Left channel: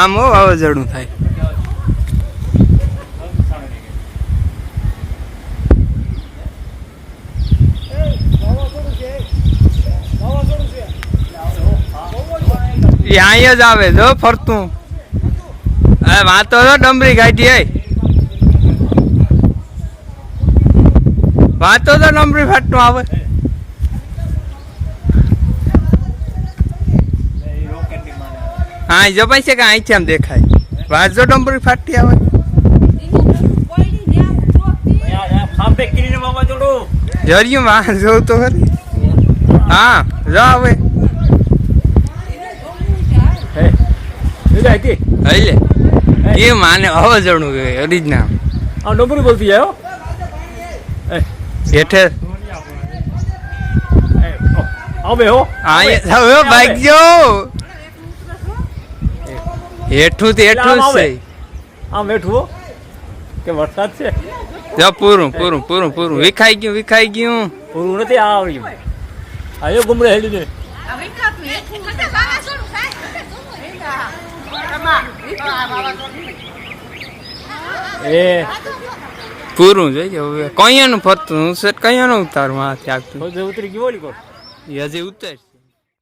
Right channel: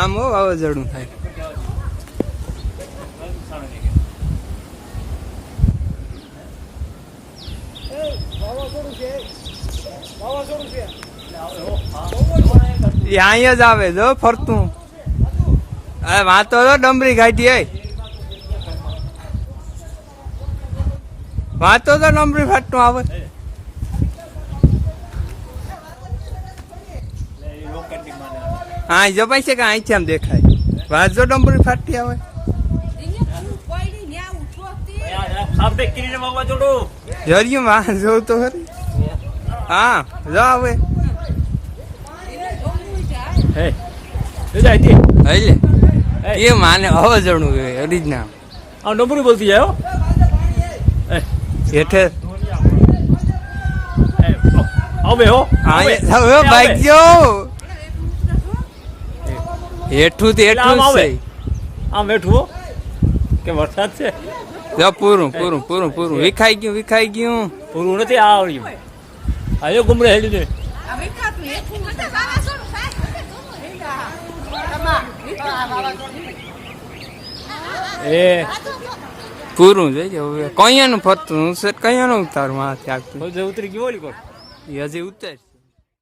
આમ વાવાઝોડું થાય. અહીંયા જ આવે જો ફરતું. વાતો તો ડમરી કાઢી વાતો તો ડમરી ફાટતું આવે. હા જો પાસે કે અહીંથી આમ દેખાય. વાજો ડમરી ફાટતી આવે. જરિયું માં જોઉં તો ખરી. હા જો આવે લે એ માને વાવાઝોડું ઓરિજિનલ ડમરી બોલતી જાય હેઠે હવે હો હવે બાઈક જો હેઠું તો હેઠું જ છે. આમ હેઠું કે વરસાદ છે પૂરું પૂરું પૂરું પૂરું વિખાઈ ગયું પૂરું નથી આવ્યું. આયો ગુમડે હેડ્યું છે. એ પૂરું જોઈ હવે કયાનું ફરતું કયાનું ઉતારું હાથ આગતું ઉતરી ગયો હજી ઉતર.